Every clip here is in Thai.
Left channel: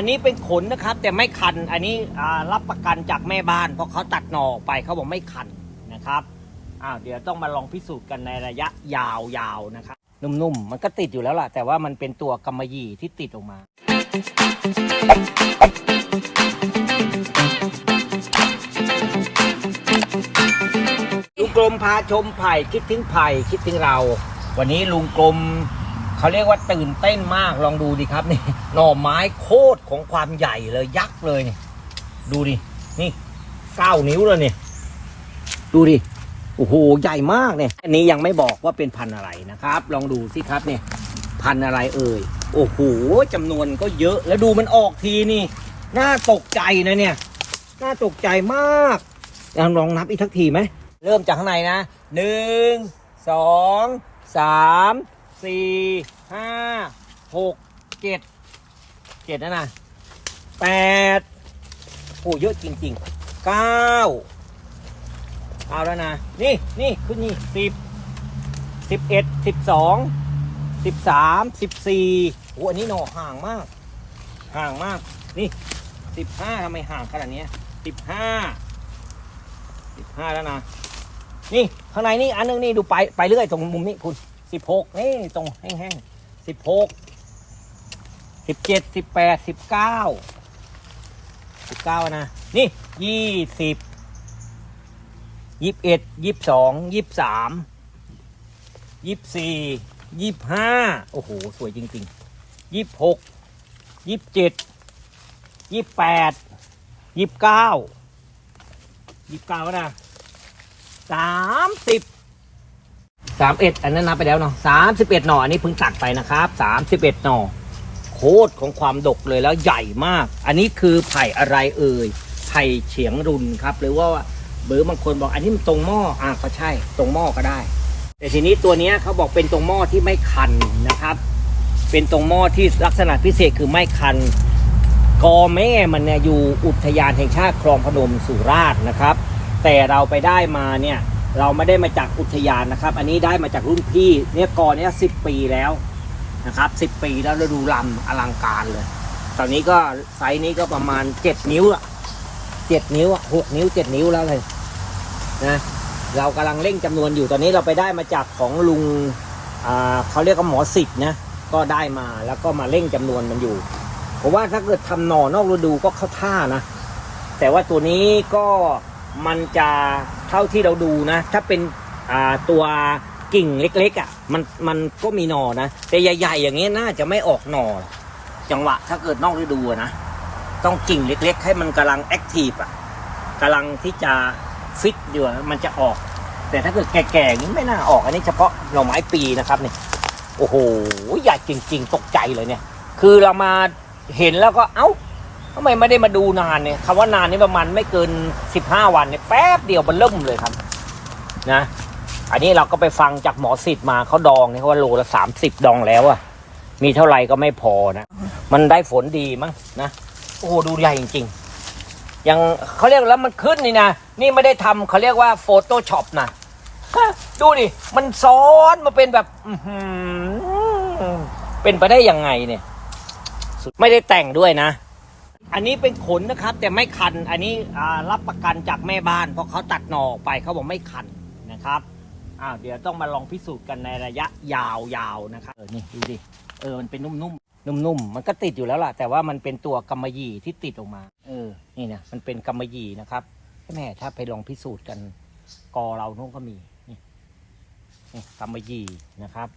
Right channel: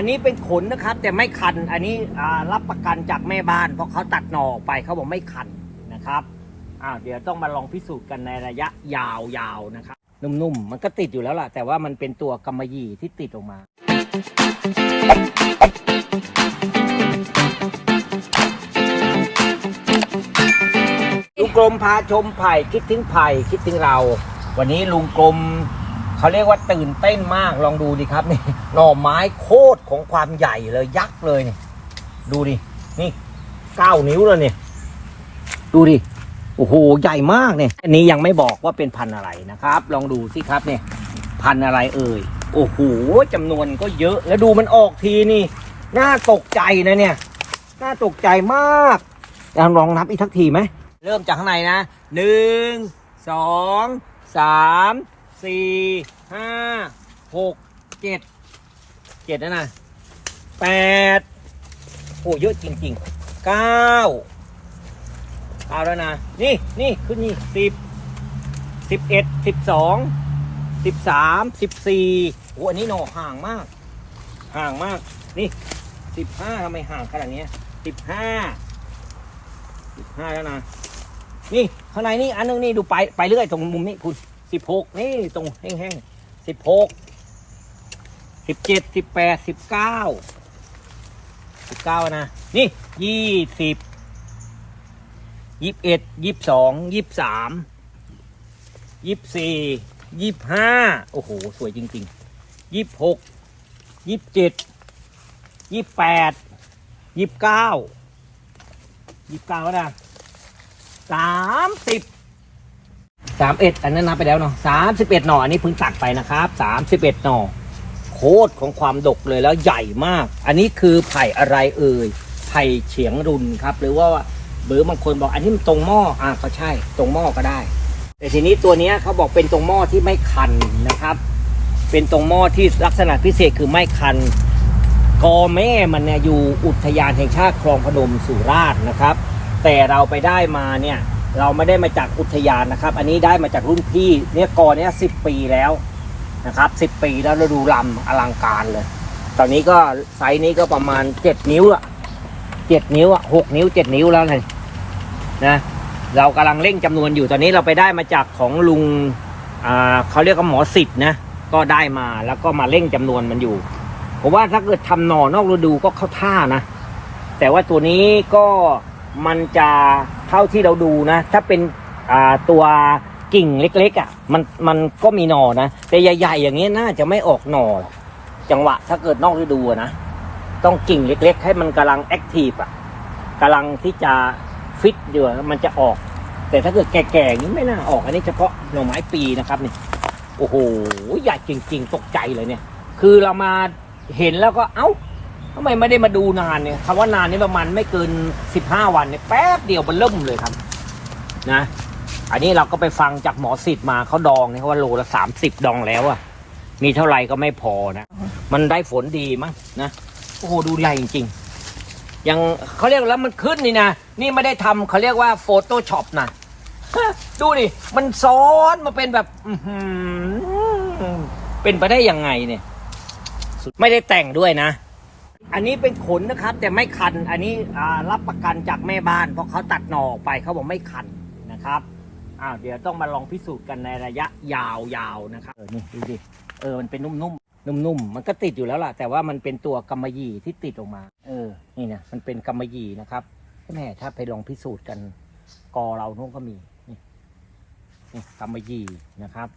อันนี้เป็นขนนะครับ แต่ไม่คัน อันนี้รับประกันจากแม่บ้าน เพราะเขาตัดหน่อออกไปเขาบอกไม่คันนะครับอ้าวเดี๋ยวต้องมาลองพิสูจน์กันในระยะยาวๆนะครับ นุ่มๆ มันก็ติดอยู่แล้วล่ะ แต่ว่ามันเป็นตัวกำมะหยี่ที่ติดออกมาลุงกลมพาชมไผ่คิดถึงไผ่คิดถึงเรา วันนี้ลุงกลม เขาเรียกว่าตื่นเต้นมากลองดูดิครับนี่หน่อไม้โคตรของความใหญ่เลยยักษ์เลยนี่ดูดินี่เก้านิ้วแล้วเนี่ยดูดิโอ้โหใหญ่มากเนี่ยอันนี้ยังไม่บอกว่าเป็นพันธุ์อะไรนะครับ ลองดูสิครับเนี่ยพันธุ์อะไรเอ่ยโอ้โหจำนวนก็เยอะแล้วดูมันออกทีนี่น่าตกใจนะเนี่ยน่าตกใจมากลองนับอีกทักทีไหมเริ่มจากข้างในนะหนึ่งสองสาม สี่ห้าหกเจ็ดเจ็ดนะนะแปดโอ้เยอะจริงๆเก้าเอาแล้วนะ นี่นี่ขึ้นนี่สิบสิบเอ็ดสิบสองสิบสามสิบสี่โอ้อันนี้หน่อห่างมาก ห่างมาก นี่สิบห้าทำไมห่างขนาดนี้สิบห้าสิบห้าแล้วนะ นี่ข้างในนี่อันนึงนี่ดูไปไปเรื่อยตรงมุมนี้คุณ สิบหกนี่ตรงแห้งสิบหกสิบเจ็ดสิบแปดสิบเก้าสิบเก้านะ นี่ยี่สิบยี่สิบเอ็ดยี่สิบสองยี่สิบสามยี่สิบสี่ยี่สิบห้าโอ้โห สวยจริงๆยี่สิบหกยี่สิบเจ็ดยี่สิบแปดยี่สิบเก้ายี่สิบเก้านะสามสิบ สามเอ็ดอันนั้นนับไปแล้วเนาะสามสิบเอ็ดหน่ออันนี้เพิ่งตัดไปนะครับสามสิบเอ็ดหน่อโคตรของความดกเลยแล้วใหญ่มาก อันนี้คือไผ่อะไรเอ่ยไผ่เฉียงรุนครับ หรือว่าเบอร์บางคนบอกอันนี้มันตรงหม้ออะก็ใช่ตรงหม้อก็ได้ แต่ทีนี้ตัวนี้เขาบอกเป็นตรงหม้อที่ไม่คันนะครับ เป็นตรงหม้อที่ลักษณะพิเศษคือไม่คันกอแม่มันเนี่ยอยู่อุทยานแห่งชาติคลองพนมสุราษฎร์นะครับ แต่เราไปได้มาเนี่ย เราไม่ได้มาจากอุทยานนะครับ อันนี้ได้มาจากรุ่นพี่เนี่ยกอเนี่ยสิบปีแล้วนะครับสิบปีแล้วเราดูลำอลังการเลย ตอนนี้ก็ไซส์นี้ก็ประมาณเจ็ดนิ้วอะเจ็ดนิ้วอะหกนิ้วเจ็ดนิ้วแล้วเลยนะเรากำลังเร่งจำนวนอยู่ตอนนี้เราไปได้มาจากของลุงอ่าเขาเรียกว่าหมอสิทธ์นะก็ได้มาแล้วก็มาเร่งจำนวนมันอยู่ผมว่าถ้าเกิดทำหน่อนอกฤดูก็เข้าท่านะ แต่ว่าตัวนี้ก็ มันจะเท่าที่เราดูนะ ถ้าเป็นตัวกิ่งเล็กๆอะมันมันก็มีหน่อนะ แต่ใหญ่ ๆ อย่างนี้น่าจะไม่ออกหน่อ จังหวะถ้าเกิดนอกฤดูนะ ต้องกิ่งเล็ก ๆ ให้มันกำลังแอคทีฟอะกำลังที่จะฟิตอยู่อมันจะออก แต่ถ้าเกิดแก่ๆนี้ไม่น่าออกอันนี้เฉพาะหน่อไม้ปีนะครับเนี่ยโอ้โหใหญ่จริง ๆ ตกใจเลยเนี่ย คือเรามาเห็นแล้วก็เอ้า ทำไมไม่ได้มาดูนานเนี่ยคำว่านานนี่ประมาณไม่เกินสิบห้าวันเนี่ยแป๊บเดียวมันเริ่มเลยครับนะ อันนี้เราก็ไปฟังจากหมอสิทธิ์มาเขาดองเนี่ยเขาว่าโลละสามสิบดองแล้วอะมีเท่าไหร่ก็ไม่พอนะ มันได้ฝนดีมั้งนะโอ้โหดูใหญ่จริงๆยังเขาเรียกแล้วมันขึ้นนี่นะนี่ไม่ได้ทำเขาเรียกว่าโฟโต้ช็อปนะดูดิมันซ้อนมาเป็นแบบเป็นไปได้ยังไงเนี่ย ไม่ได้แต่งด้วยนะ อันนี้เป็นขนนะครับ แต่ไม่คัน อันนี้รับประกันจากแม่บ้าน เพราะเขาตัดหน่อออกไปเขาบอกไม่คันนะครับอ้าวเดี๋ยวต้องมาลองพิสูจน์กันในระยะยาวๆนะครับเออนี่ดูดิเออมันเป็นนุ่มๆนุ่มๆมันก็ติดอยู่แล้วล่ะ แต่ว่ามันเป็นตัวกำมะหยี่ที่ติดออกมา เออนี่นะมันเป็นกำมะหยี่นะครับแม่ถ้าไปลองพิสูจน์กันกอเรานู้นก็มีนี่นี่กำมะหยี่นะครับ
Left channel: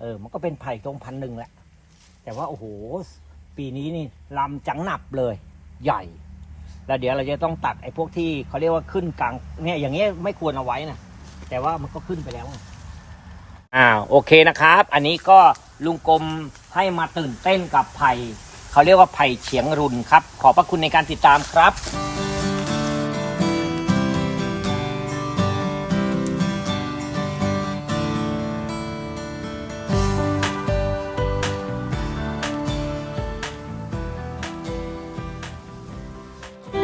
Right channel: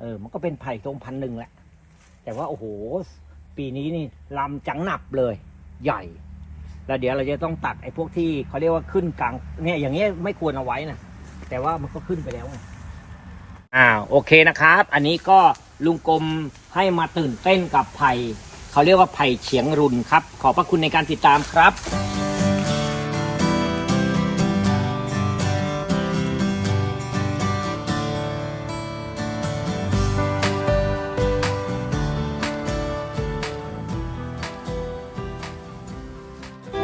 เออมันก็เป็นไผ่ตรงพันหนึ่งแหละแต่ว่าโอ้โห ปีนี้นี่ลำจังหนับเลยใหญ่ แล้วเดี๋ยวเราจะต้องตัดไอ้พวกที่เขาเรียกว่าขึ้นกลางเนี่ยอย่างเงี้ยไม่ควรเอาไว้นะแต่ว่ามันก็ขึ้นไปแล้วอ้าวโอเคนะครับ อันนี้ก็ลุงกรมให้มาตื่นเต้นกับไผ่เขาเรียกว่าไผ่เฉียงรุนครับ ขอบพระคุณในการติดตามครับ